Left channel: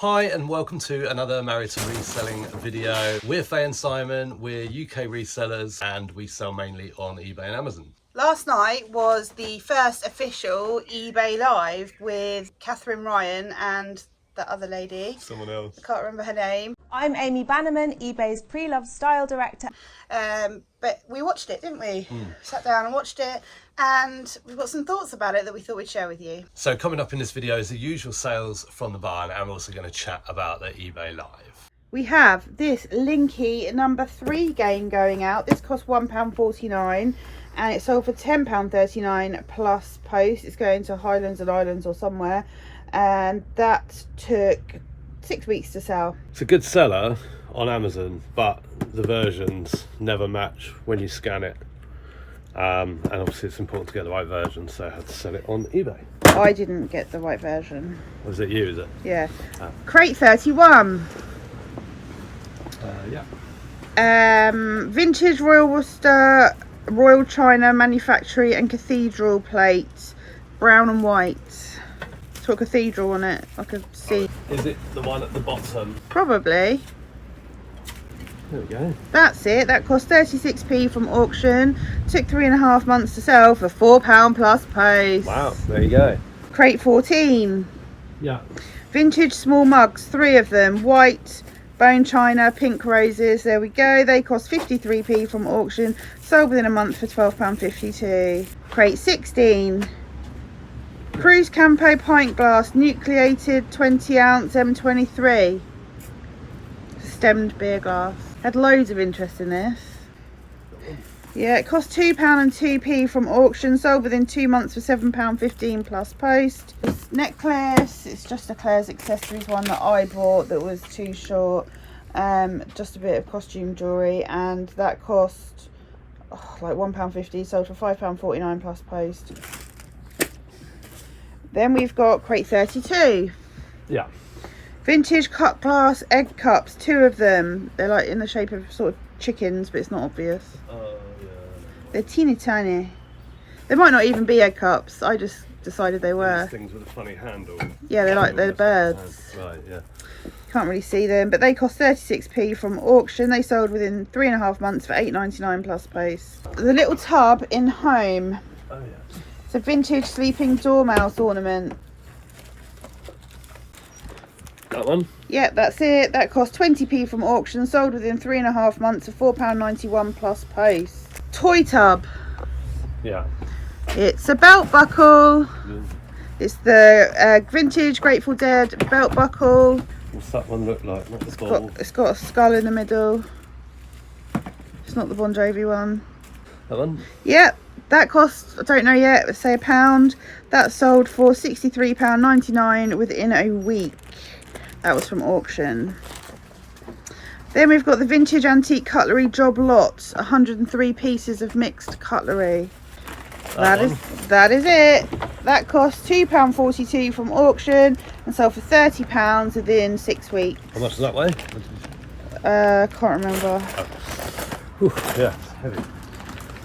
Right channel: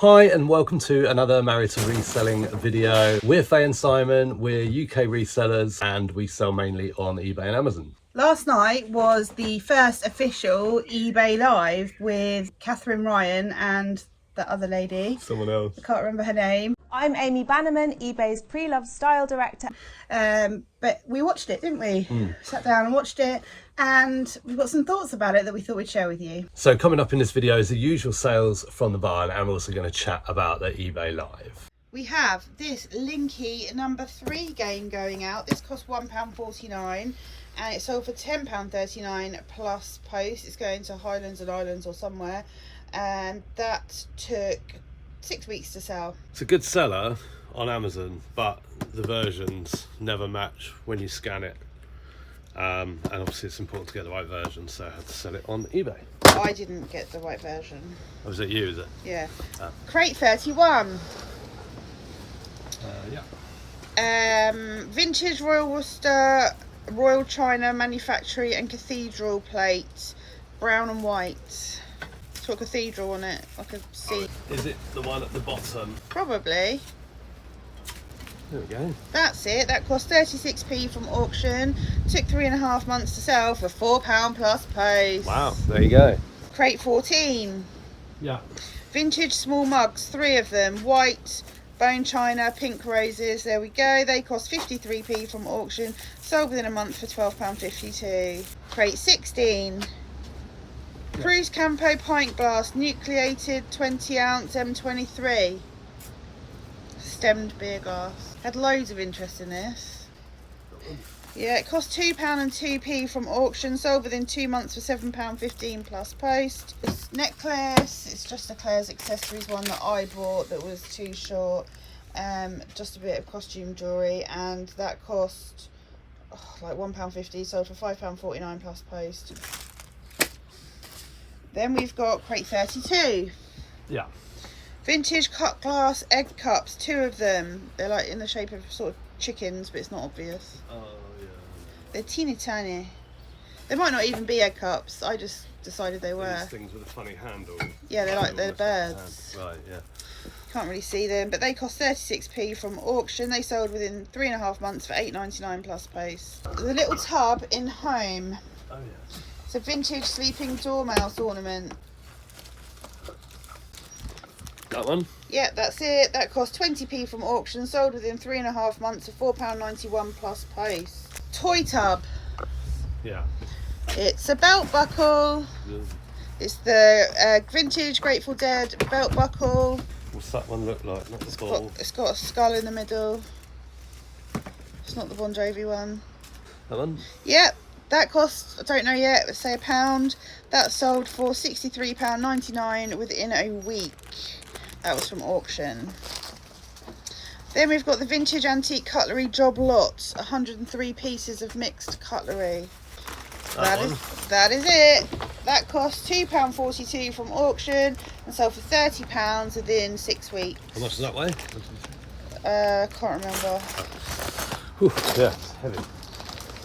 Hi and welcome to another Married to Reselling video. We're Faye and Simon, we're UK resellers and we sell mainly on eBay and Amazon. Last night was the first official eBay live with Katherine Ryan and the other lady. Someone else. I can't remember her name. I'm Amy Bannerman, eBay's pre-loved style director. But we watched it, didn't we? Sat down and watched it, and we've got some thoughts about it that we thought we'd share with you. So coming up in this video is the usual sales from the barn, and we're also going to chat about the eBay live. We have this Linky number 3 game going out. This cost £1.49 and it sold for £10.39 plus post. It's going to Highlands and Islands or somewhere, and that took 6 weeks to sell. It's a good seller on Amazon, but the versions never match when you scan it. And obviously it's important to get the right version, so I had to sell it on eBay. I didn't get the right version. Was it you, is it? Yeah. Crate 31. Yeah. Vintage Royal Worcester, Royal China Manufactory and Cathedral plates, brown and white. It's got cathedral on it, I could see. Is it the one at the bottom? Probably. There we go. That's it. That cost 36p from auction. Took 3.5 months to sell for £4 plus post. Wow, there you go. Crate 14. Yeah. Vintage small mugs, 3 of them. White, bone china, pink roses. There we go. They cost 53p from auction. Sold within a month for £12.52. Crate 16. Cruise Campo pint glass, nucleated 20 ounce M23. Stemmed beer glass. Had loads of interest in this. Yeah, it cost £2 and 2p from auction. Sold within 2 months for £7.15 plus post. This necklace, it's just a Claire's Accessories one that I bought that was too short. Just a bit of costume jewellery, and that cost like £1.50. Sold for £5.49 plus post. Then we've got crate 32. Yeah. Vintage cut glass egg cups, 2 of them. They're like in the shape of sort of chickens, but it's not obvious. Oh, yeah. They're teeny tiny. They might not even be egg cups. I just decided they were. These things with a funny handle. Yeah, they're birds. Right, yeah. Can't really see them, but they cost 36p from auction. They sold within 3.5 months for £8.99 plus post. The little tub in home. Oh, yeah. It's a vintage sleeping dormouse ornament. That one? Yeah, that's it. That cost 20p from auction. Sold within 3.5 months for £4.91 plus post. Toy tub. Yeah. It's a belt buckle. Good. It's the vintage Grateful Dead belt buckle. What's that one look like? Not the ball. It's got a skull in the middle. It's not the Bon Jovi one. That one? Yep. That cost, I don't know yet, let's say £1. That sold for £63.99 within a week. That was from auction. Then we've got the vintage antique cutlery job lots, 103 pieces of mixed cutlery. That is it. That cost £2.42 from auction and sold for £30 within 6 weeks. How much does that weigh? Can't remember. Ooh, yeah, it's heavy.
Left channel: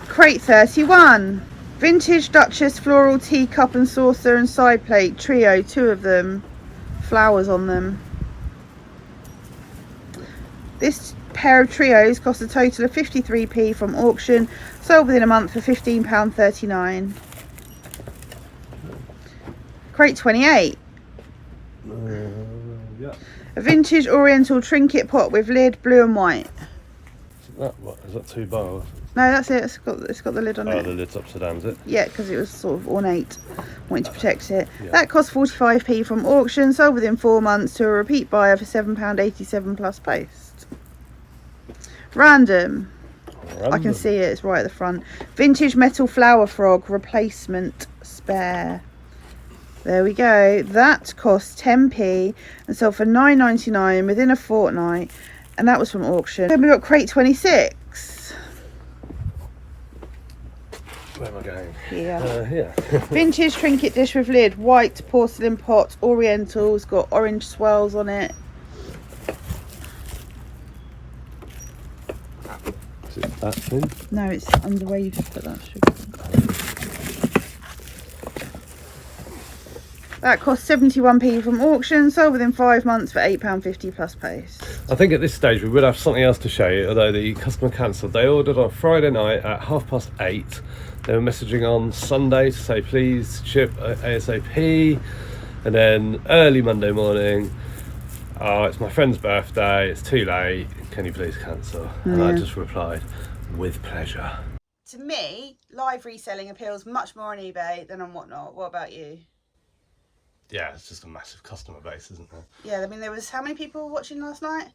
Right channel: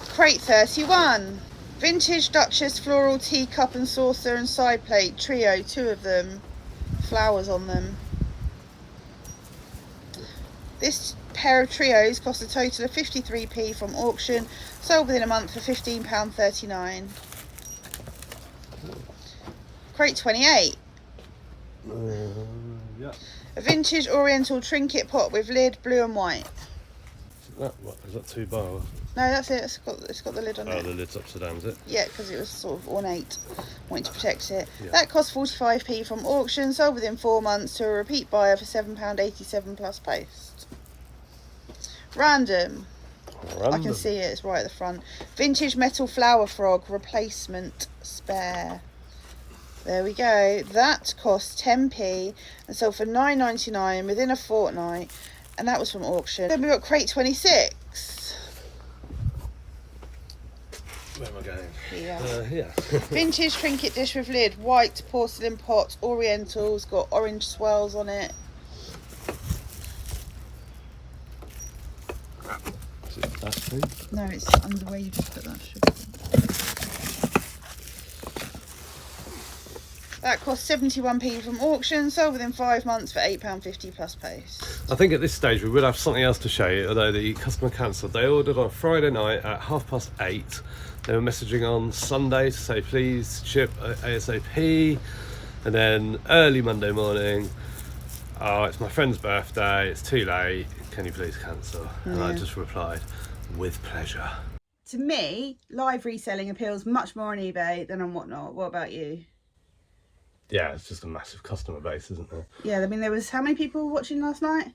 Crate 31. Vintage Duchess floral teacup and saucer and side plate trio, 2 of them. Flowers on them. This pair of trios cost a total of 53p from auction. Sold within a month for £15.39. Crate 28. Yeah. A vintage oriental trinket pot with lid, blue and white. Is that 2 bars? No, that's it. It's got the lid on it. Oh, the lid's upside down, is it? Yeah, because it was sort of ornate. Wanted to protect it. Yeah. That cost 45p from auction. Sold within 4 months to a repeat buyer for £7.87 plus post. Random. I can see it. It's right at the front. Vintage metal flower frog replacement spare. There we go. That cost 10p and sold for £9.99 within a fortnight. And that was from auction. Then we got crate 26. Where am I going? Yeah. Vintage trinket dish with lid, white porcelain pot, oriental. It's got orange swirls on it. Is it that thing? No, it's under where you just put that sugar. That cost 71p from auction, sold within 5 months for £8.50 plus post. I think at this stage we would have something else to show you, although the customer cancelled. They ordered on Friday night at 8:30. They were messaging on Sunday to say please ship ASAP, and then early Monday morning, oh, it's my friend's birthday, it's too late, can you please cancel? And I just replied, with pleasure. To me, live reselling appeals much more on eBay than on Whatnot. What about you? Yeah, it's just a massive customer base, isn't there? Yeah, I mean, there was how many people watching last night?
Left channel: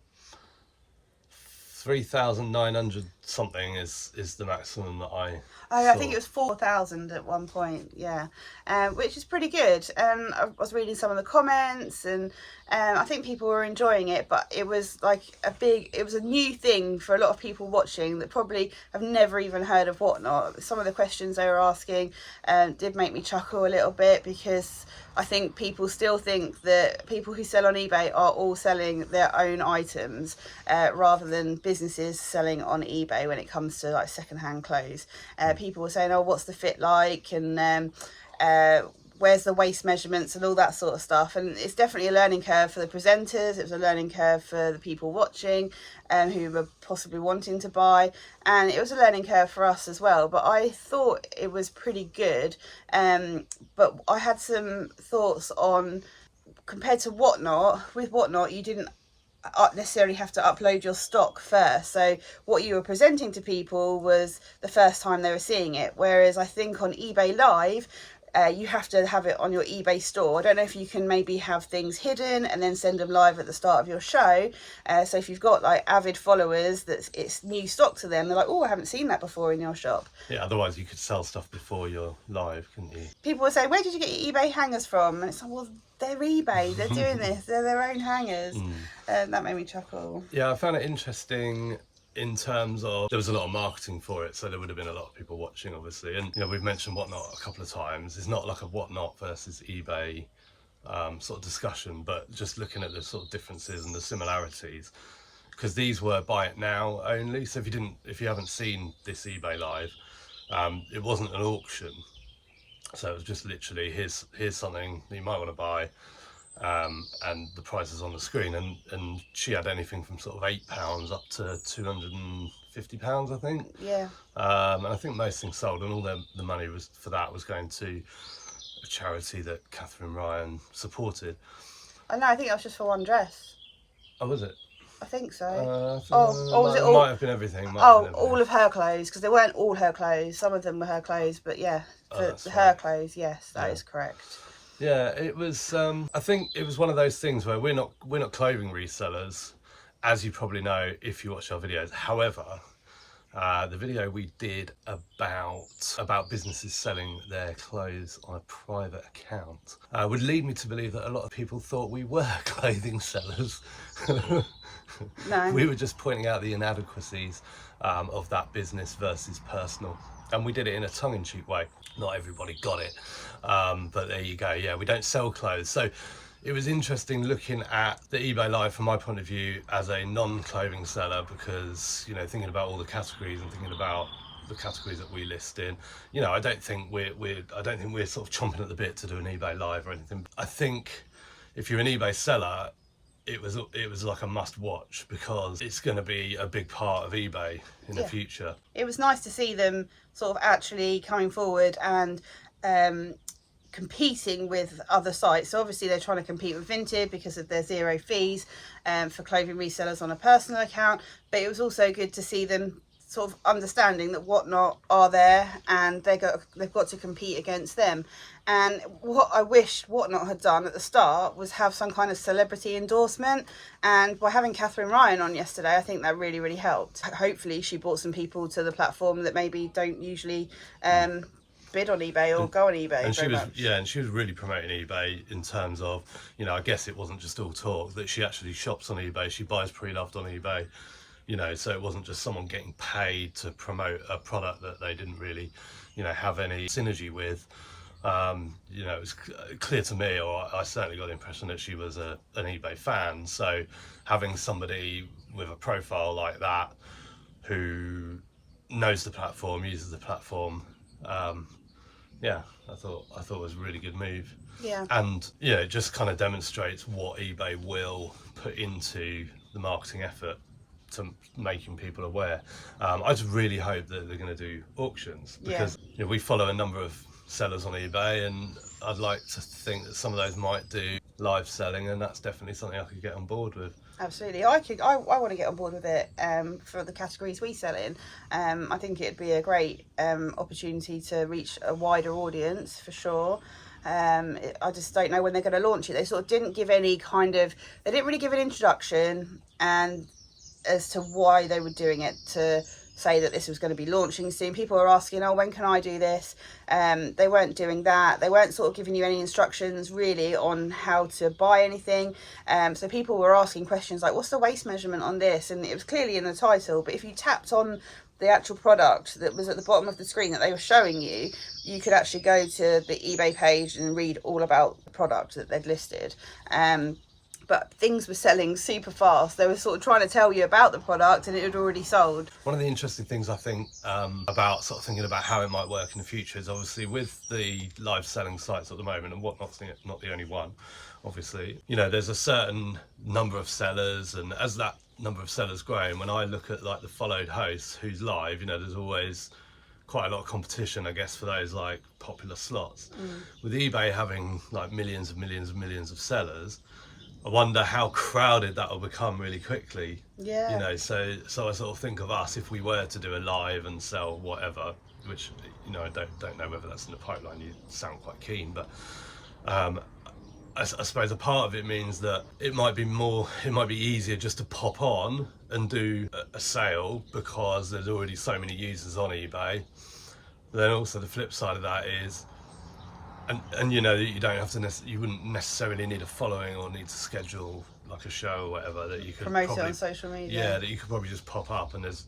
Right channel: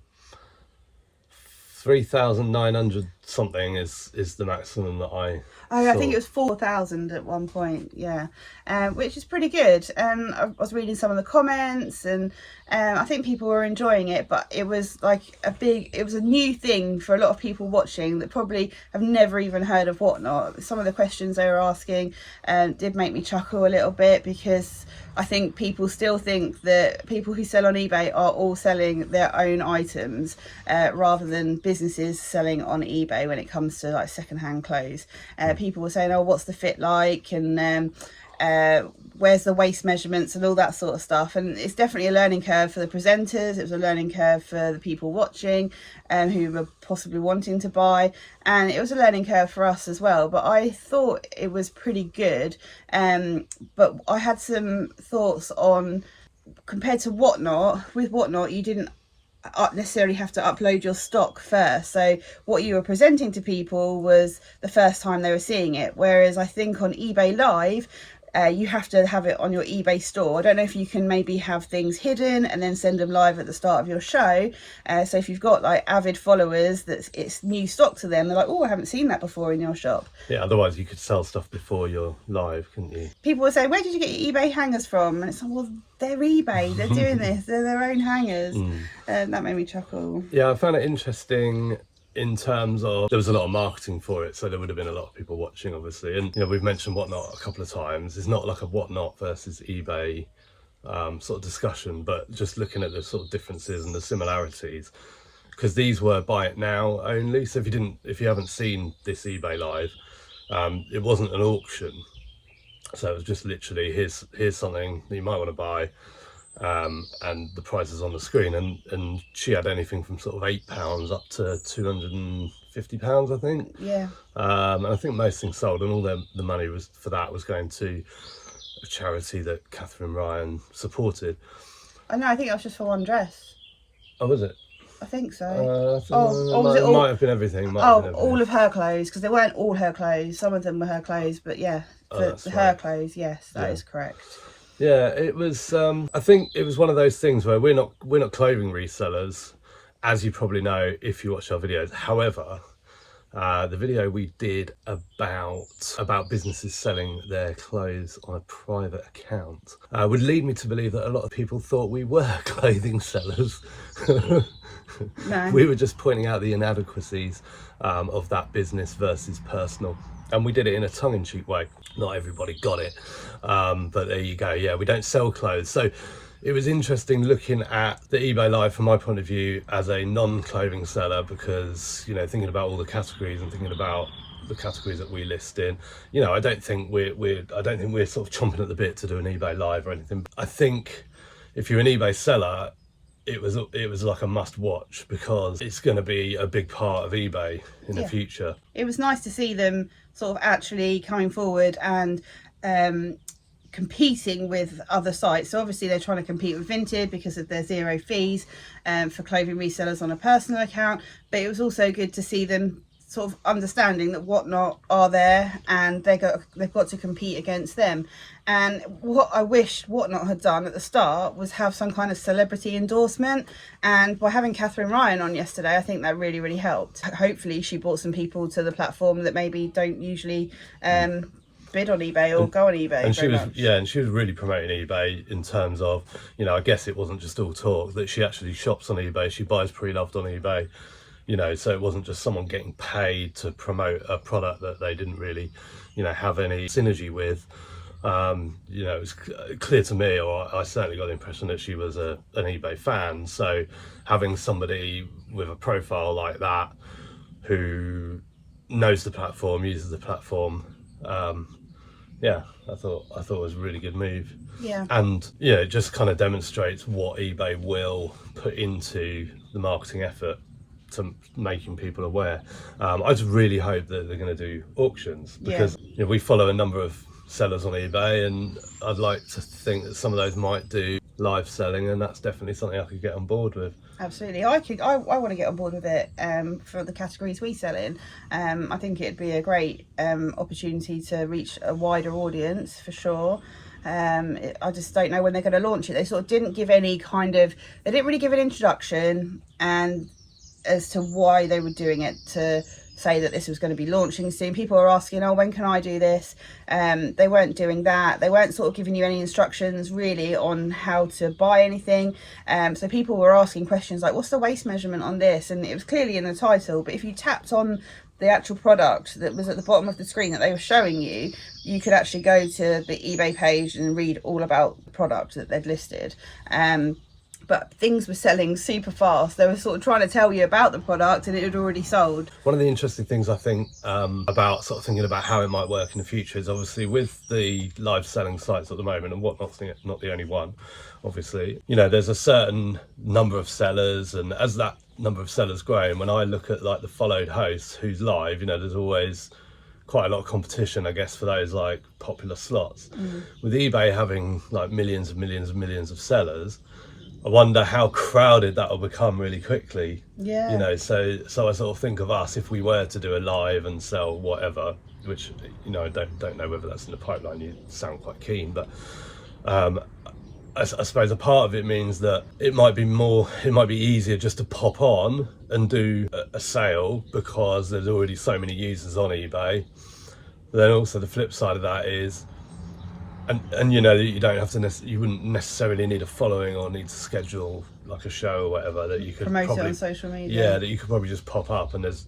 3,900 something is the maximum that I I think it was 4,000 at one point, yeah, which is pretty good. I was reading some of the comments, and I think people were enjoying it, but it was like it was a new thing for a lot of people watching that probably have never even heard of Whatnot. Some of the questions they were asking did make me chuckle a little bit, because I think people still think that people who sell on eBay are all selling their own items rather than businesses selling on eBay when it comes to like secondhand clothes. People were saying, oh, what's the fit like, and where's the waist measurements and all that sort of stuff. And it's definitely a learning curve for the presenters. It was a learning curve for the people watching who were possibly wanting to buy, and it was a learning curve for us as well. But I thought it was pretty good, but I had some thoughts on, compared to Whatnot. With Whatnot, you didn't necessarily have to upload your stock first, so what you were presenting to people was the first time they were seeing it, whereas I think on eBay Live you have to have it on your eBay store. I don't know if you can maybe have things hidden and then send them live at the start of your show, so if you've got like avid followers that it's new stock to them, they're like, oh, I haven't seen that before in your shop. Yeah, otherwise you could sell stuff before you're live, couldn't you? People would say, where did you get your eBay hangers from? And it's like, well, they're eBay, they're doing this, they're their own hangers. That made me chuckle. Yeah, I found it interesting in terms of there was a lot of marketing for it, so there would have been a lot of people watching, obviously. And you know, we've mentioned Whatnot a couple of times. It's not like a Whatnot versus eBay sort of discussion, but just looking at the sort of differences and the similarities, because these were buy it now only. So if you haven't seen this eBay Live, it wasn't an auction, so it was just literally here's something that you might want to buy, and the price is on the screen, and she had anything from sort of £8 up to £250, I think. Yeah. And I think most things sold, and all the money was going to a charity that Katherine Ryan supported. I know, I think that was just for one dress. Oh, was it? I think so. It might have been everything. All of her clothes, because they weren't all her clothes. Some of them were her clothes, but yeah, for her clothes, yes, that is correct. Yeah, it was. I think it was one of those things where we're not clothing resellers, as you probably know if you watch our videos. However, the video we did about businesses selling their clothes on a private account would lead me to believe that a lot of people thought we were clothing sellers. No. We were just pointing out the inadequacies of that business versus personal. And we did it in a tongue-in-cheek way. Not everybody got it, but there you go. Yeah, we don't sell clothes. So it was interesting looking at the eBay Live from my point of view as a non-clothing seller, because, you know, thinking about all the categories and thinking about the categories that we list in, you know, I don't think we're sort of chomping at the bit to do an eBay Live or anything. I think if you're an eBay seller, it was like a must watch, because it's going to be a big part of eBay in the future. It was nice to see them sort of actually coming forward and competing with other sites. So obviously they're trying to compete with Vinted because of their zero fees for clothing resellers on a personal account, but it was also good to see them sort of understanding that Whatnot are there and they've got to compete against them. And what I wish Whatnot had done at the start was have some kind of celebrity endorsement, and by having Katherine Ryan on yesterday, I think that really, really helped. Hopefully she brought some people to the platform that maybe don't usually bid on eBay or go on eBay. And she was really promoting eBay in terms of, you know, I guess it wasn't just all talk, that she actually shops on eBay, she buys pre-loved on eBay, you know, so it wasn't just someone getting paid to promote a product that they didn't really, you know, have any synergy with. You know, it was clear to me, or I certainly got the impression that she was an eBay fan. So having somebody with a profile like that who knows the platform, uses the platform, yeah, I thought it was a really good move. Yeah. And yeah, it just kind of demonstrates what eBay will put into the marketing effort to making people aware. I just really hope that they're going to do auctions, because we follow a number of sellers on eBay, and I'd like to think that some of those might do live selling, and that's definitely something I could get on board with. Absolutely, I want to get on board with it for the categories we sell in. I think it'd be a great opportunity to reach a wider audience for sure. I just don't know when they're going to launch it. They sort of didn't give any they didn't really give an introduction and as to why they were doing it, to say that this was going to be launching soon. People are asking, oh, when can I do this? They weren't doing that. They weren't sort of giving you any instructions really on how to buy anything. So people were asking questions like, what's the waist measurement on this? And it was clearly in the title, but if you tapped on the actual product that was at the bottom of the screen that they were showing you, you could actually go to the eBay page and read all about the product that they'd listed. But things were selling super fast. They were sort of trying to tell you about the product and it had already sold. One of the interesting things I think about sort of thinking about how it might work in the future is obviously with the live selling sites at the moment, and Whatnot's not the only one, obviously. There's a certain number of sellers, and as that number of sellers grow, and when I look at like the followed hosts who's live, there's always quite a lot of competition, I guess, for those like popular slots. With eBay having like millions of sellers, I wonder how crowded that will become really quickly. Yeah. So I sort of think of us, if we were to do a live and sell whatever, which I don't know whether that's in the pipeline. You sound quite keen, but I suppose a part of it means that it might be easier just to pop on and do a sale because there's already so many users on eBay. But then also the flip side of that is, and you don't have to you wouldn't necessarily need a following or need to schedule like a show or whatever, that you could promote probably it on social media. Yeah, that you could probably just pop up, and there's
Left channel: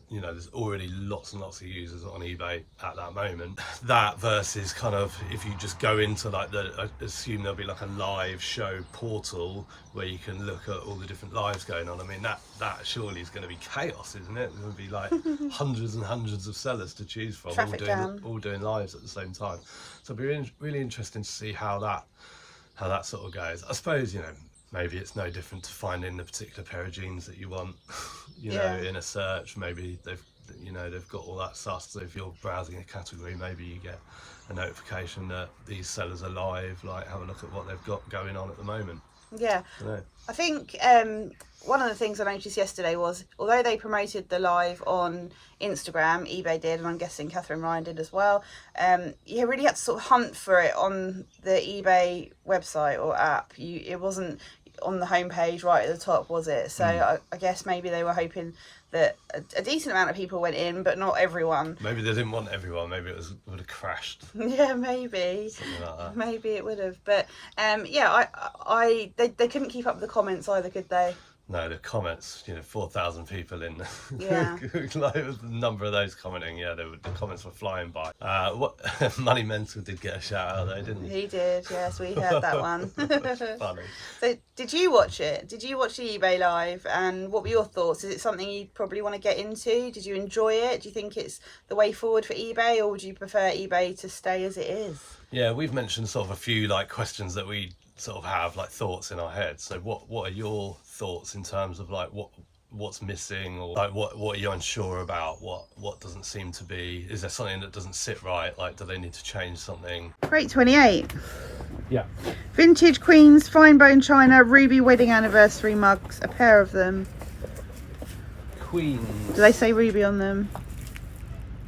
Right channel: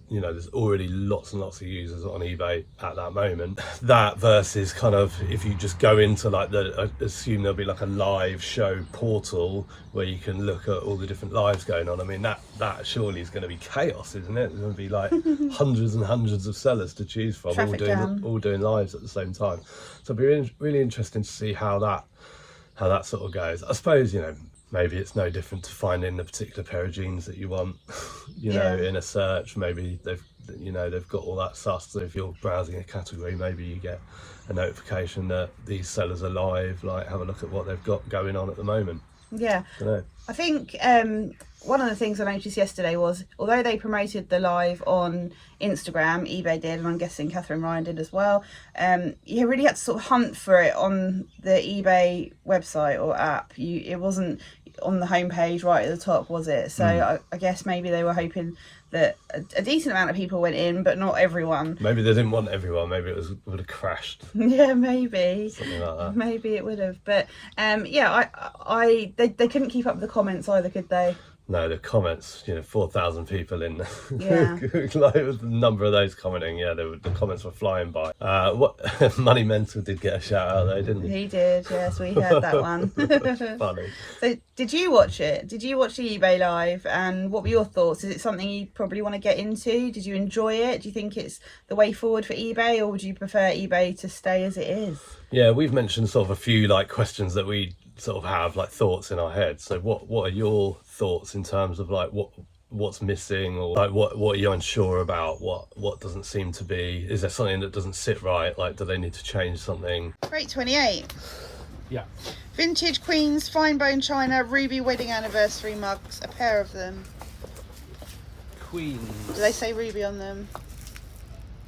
already lots and lots of users on eBay at that moment. That versus kind of if you just go into like assume there'll be like a live show portal where you can look at all the different lives going on. I mean, that surely is going to be chaos, isn't it? There's going to be like hundreds and hundreds of sellers to choose from, all doing lives at the same time. So it'll be really interesting to see how that sort of goes. I suppose maybe it's no different to finding the particular pair of jeans that you want, in a search. Maybe they've got all that stuff. So if you're browsing a category, maybe you get a notification that these sellers are live. Like, have a look at what they've got going on at the moment. Yeah. I think one of the things I noticed yesterday was, although they promoted the live on Instagram, eBay did, and I'm guessing Katherine Ryan did as well, you really had to sort of hunt for it on the eBay website or app. It wasn't on the homepage right at the top, was it? So I guess maybe they were hoping that a decent amount of people went in, but not everyone. Maybe they didn't want everyone. Maybe it would have crashed. Yeah, maybe. Something like that. Maybe it would have. But they couldn't keep up with the comments either, could they? No, the comments, 4,000 people in. Yeah. Like, the number of those commenting, the comments were flying by. Money Mental did get a shout out though, didn't he? He did, yes, we heard that one. Funny. So, did you watch it? Did you watch the eBay live? And what were your thoughts? Is it something you probably want to get into? Did you enjoy it? Do you think it's the way forward for eBay, or would you prefer eBay to stay as it is? Yeah, we've mentioned sort of a few like questions that we sort of have like thoughts in our heads. So what are your thoughts in terms of like what's missing, or like what are you unsure about? What doesn't seem to be? Is there something that doesn't sit right? Like, do they need to change something? Crate 28. Yeah. Vintage Queens Fine Bone China Ruby Wedding Anniversary mugs, a pair of them. Queens. Do they say Ruby on them?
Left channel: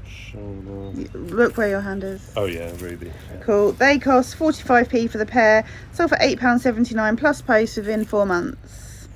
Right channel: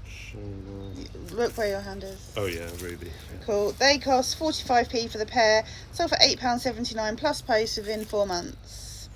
China. Look where your hand is. Oh yeah, Ruby. Yeah. Cool. They cost 45p for the pair. Sold for £8.79 plus post within 4 months.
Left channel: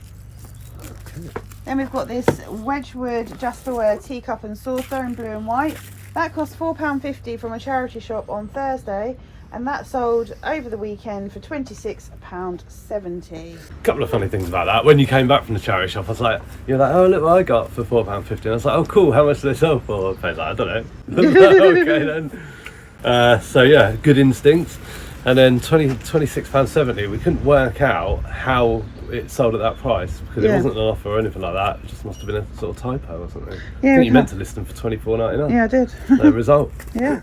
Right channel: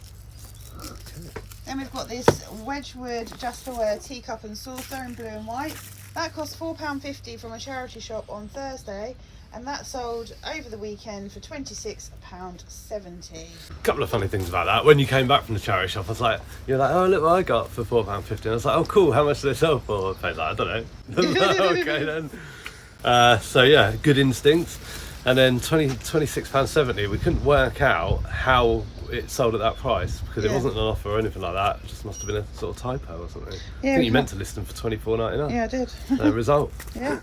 Then we've got this Wedgwood Jasperware teacup and saucer in blue and white. That cost £4.50 from a charity shop on Thursday, and that sold over the weekend for £26.70. A couple of funny things about that. When you came back from the charity shop, I was like, you're like, oh look what I got for £4.50. And I was like, oh cool, how much do they sell for? I was like, I don't know. Okay then. So yeah, good instincts. And then £26.70. We couldn't work out how it sold at that price because it wasn't an offer or anything like that. It just must have been a sort of typo or something. Yeah, I think you meant to list them for £24.99. Yeah, I did. No result. Yeah.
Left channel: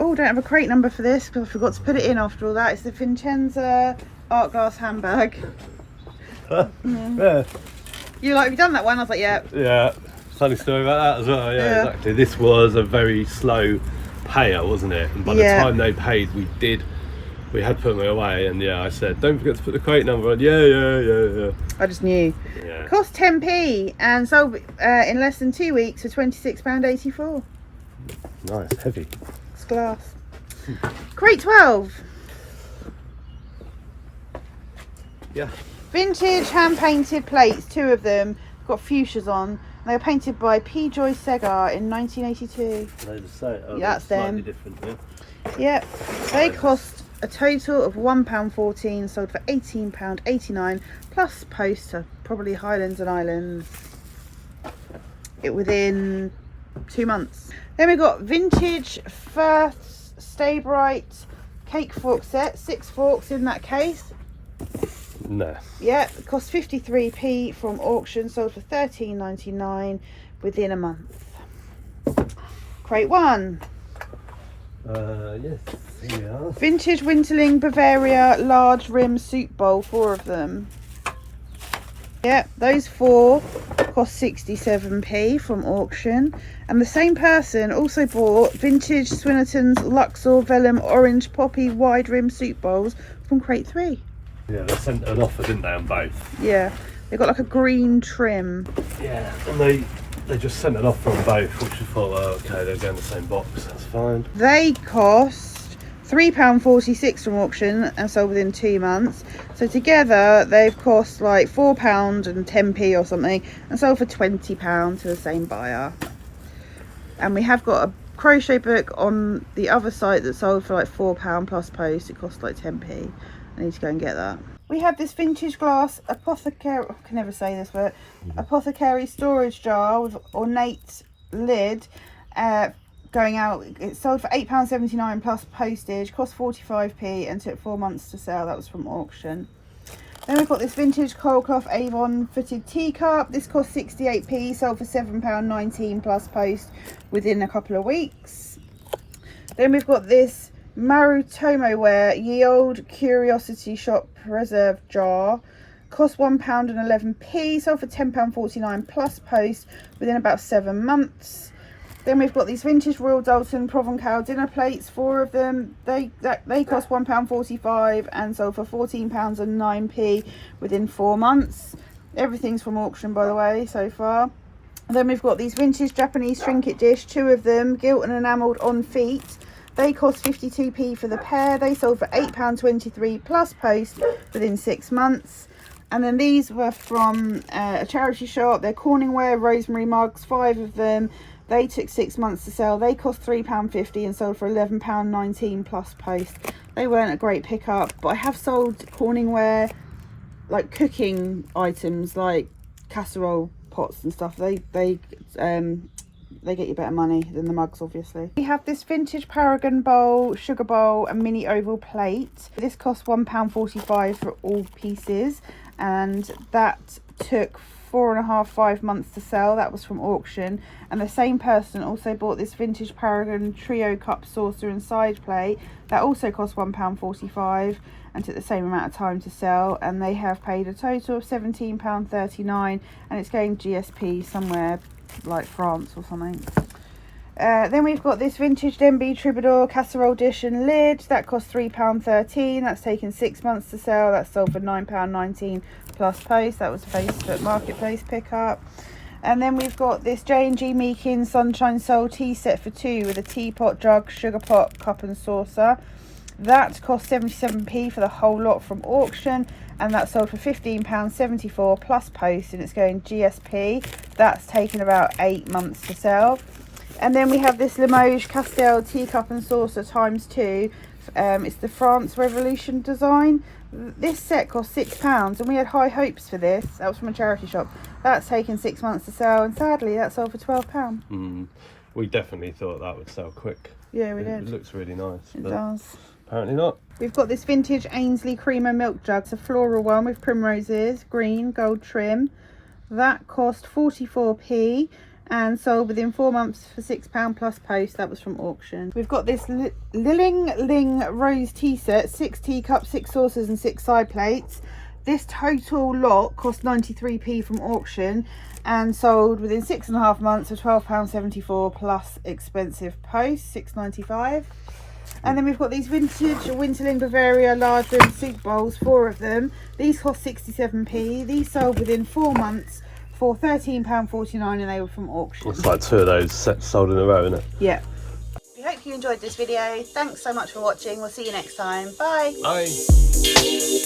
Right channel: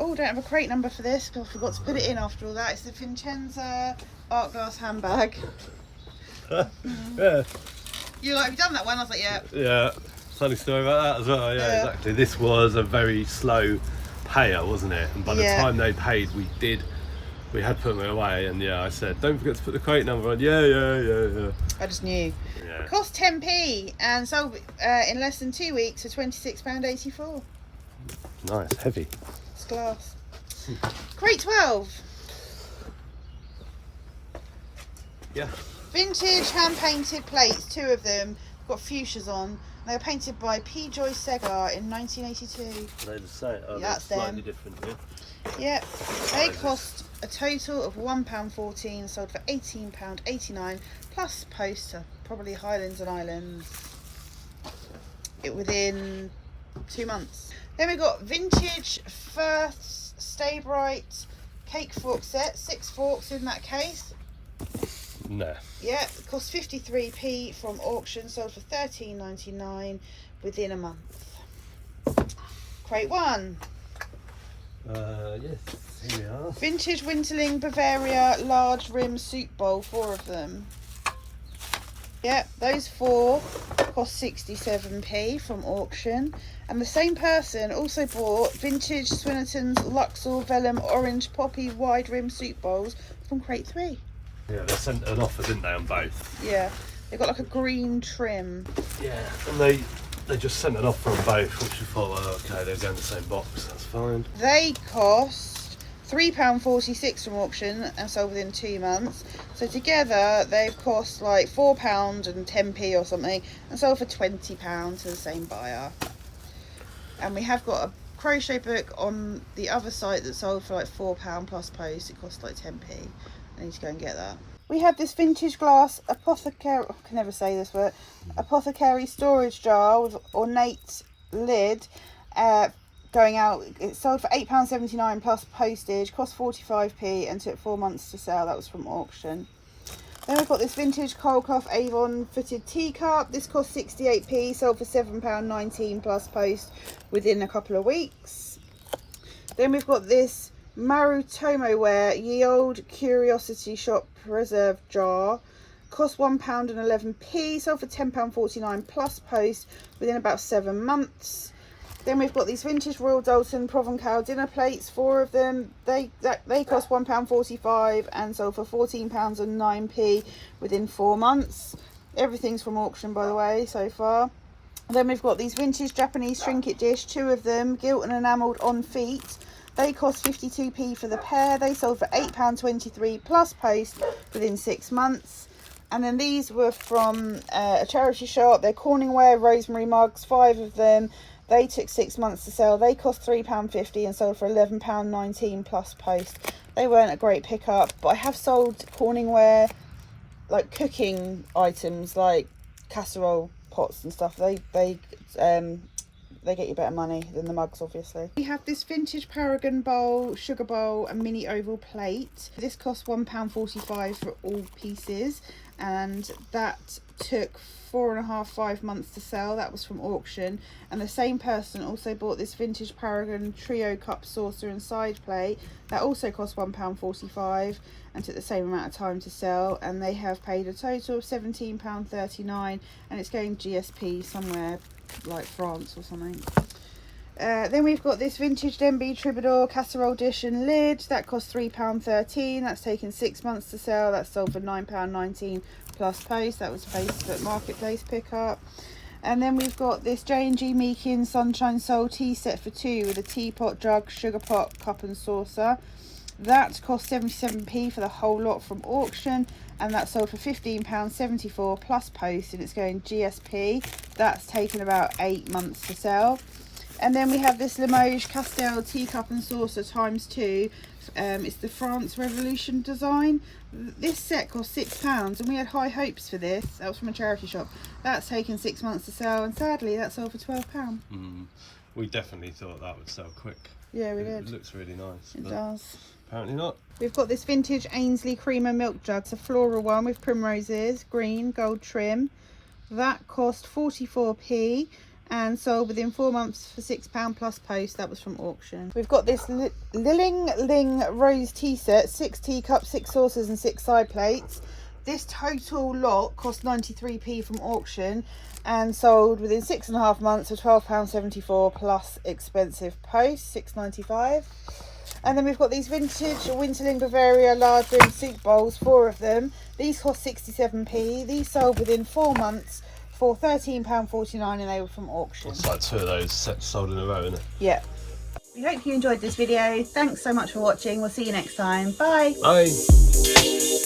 Oh, don't have a crate number for this because I forgot to put it in after all that. It's the Vincenza art glass handbag. Yeah. You like, have you done that one? I was like, yeah. Yeah. Funny story about that as well. Yeah, Yeah. exactly. This was a very slow payer, wasn't it? And by the Yeah. time they paid, we had put them away. And yeah, I said, don't forget to put the crate number on. Yeah. I just knew. Yeah. Cost 10p and sold in less than 2 weeks for £26.84. Nice, heavy. It's glass. Crate 12. Yeah. Vintage hand painted plates, 2 of them. Got fuchsias on. They were painted by P. Joy Segar in 1982. They the same. Oh, Yeah, that's slightly them. different. Yeah. Yep. They cost a total of £1.14, sold for £18.89 plus post to probably Highlands and Islands. It within 2 months. Then we got vintage Firth Stay Bright cake fork set, 6 forks in that case. No. Yeah, it cost 53p from auction, sold for £13.99 within a month. Crate 1. Yes. Here we are. Vintage Winterling Bavaria large rim soup bowl, 4 of them. Yeah, those 4 cost 67p from auction. And the same person also bought vintage Swinnerton's Luxor Vellum orange poppy wide rim soup bowls from crate 3. Yeah, they sent an offer, didn't they, on both? Yeah, they've got like a green trim. Yeah, and they just sent an offer on both, which I thought, well, okay, they're going in the same box, that's fine. They cost £3.46 from auction and sold within 2 months. So together they've cost like £4 and 10p or something and sold for £20 to the same buyer. And we have got a crochet book on the other site that sold for like £4 plus post. It cost like 10p. I need to go and get that. We have this vintage glass apothecary, I can never say this, but apothecary storage jar with ornate lid going out. It sold for £8.79 plus postage, cost 45p and took 4 months to sell. That was from auction. Then we've got this vintage coilcloth Avon footed teacup. This cost 68p, sold for £7.19 plus post within a couple of weeks. Then we've got this Marutomo ware ye old curiosity shop reserve jar, cost £1.11, sold for £10.49 plus post within about 7 months. Then we've got these vintage Royal Dalton Provencal dinner plates, 4 of them. They cost £1.45 and sold for £14 and 9p within 4 months. Everything's from auction, by the way, so far. Then we've got these vintage Japanese trinket dish, 2 of them, gilt and enamelled on feet. They cost 52p for the pair. They sold for £8.23 plus post within 6 months. And then these were from a charity shop. They're Corningware rosemary mugs, 5 of them. They took 6 months to sell. They cost £3.50 and sold for £11.19 plus post. They weren't a great pickup, but I have sold Corningware like cooking items like casserole pots and stuff. They get you better money than the mugs, obviously. We have this vintage Paragon bowl, sugar bowl and mini oval plate. This cost £1.45 for all pieces, and that took 4.5 months to sell. That was from auction. And the same person also bought this vintage Paragon trio cup saucer and side plate. That also cost £1.45 and took the same amount of time to sell, and they have paid a total of £17.39, and it's going GSP somewhere like France or something. Then we've got this vintage Denby Troubadour casserole dish and lid. That cost £3.13. That's taken 6 months to sell. That's sold for £9.19 plus post. That was a Facebook Marketplace pickup. And then we've got this J&G Meakin Sunshine Soul tea set for 2 with a teapot, jug, sugar pot, cup and saucer. That cost 77p for the whole lot from auction, and that sold for £15.74 plus post, and it's going GSP. That's taken about 8 months to sell. And then we have this Limoges Castel teacup and saucer ×2. It's the France Revolution design. This set cost £6 and we had high hopes for this. That was from a charity shop. That's taken 6 months to sell, and sadly that sold for £12. We definitely thought that would sell quick. Yeah, we did. It looks really nice. It but does. Apparently not. We've got this vintage Ainsley creamer milk jug. It's a floral one with primroses, green, gold trim. That cost 44p and sold within 4 months for £6 plus post. That was from auction. We've got this Ling Ling Rose tea set, 6 teacups, 6 saucers and 6 side plates. This total lot cost 93p from auction and sold within 6.5 months for £12.74 plus expensive post, £6.95. And then we've got these vintage Winterling Bavaria large rim soup bowls, 4 of them. These cost 67p. These sold within 4 months for £13.49 and they were from auction. It's like 2 of those sets sold in a row, isn't it? Yeah. We hope you enjoyed this video. Thanks so much for watching. We'll see you next time. Bye. Bye.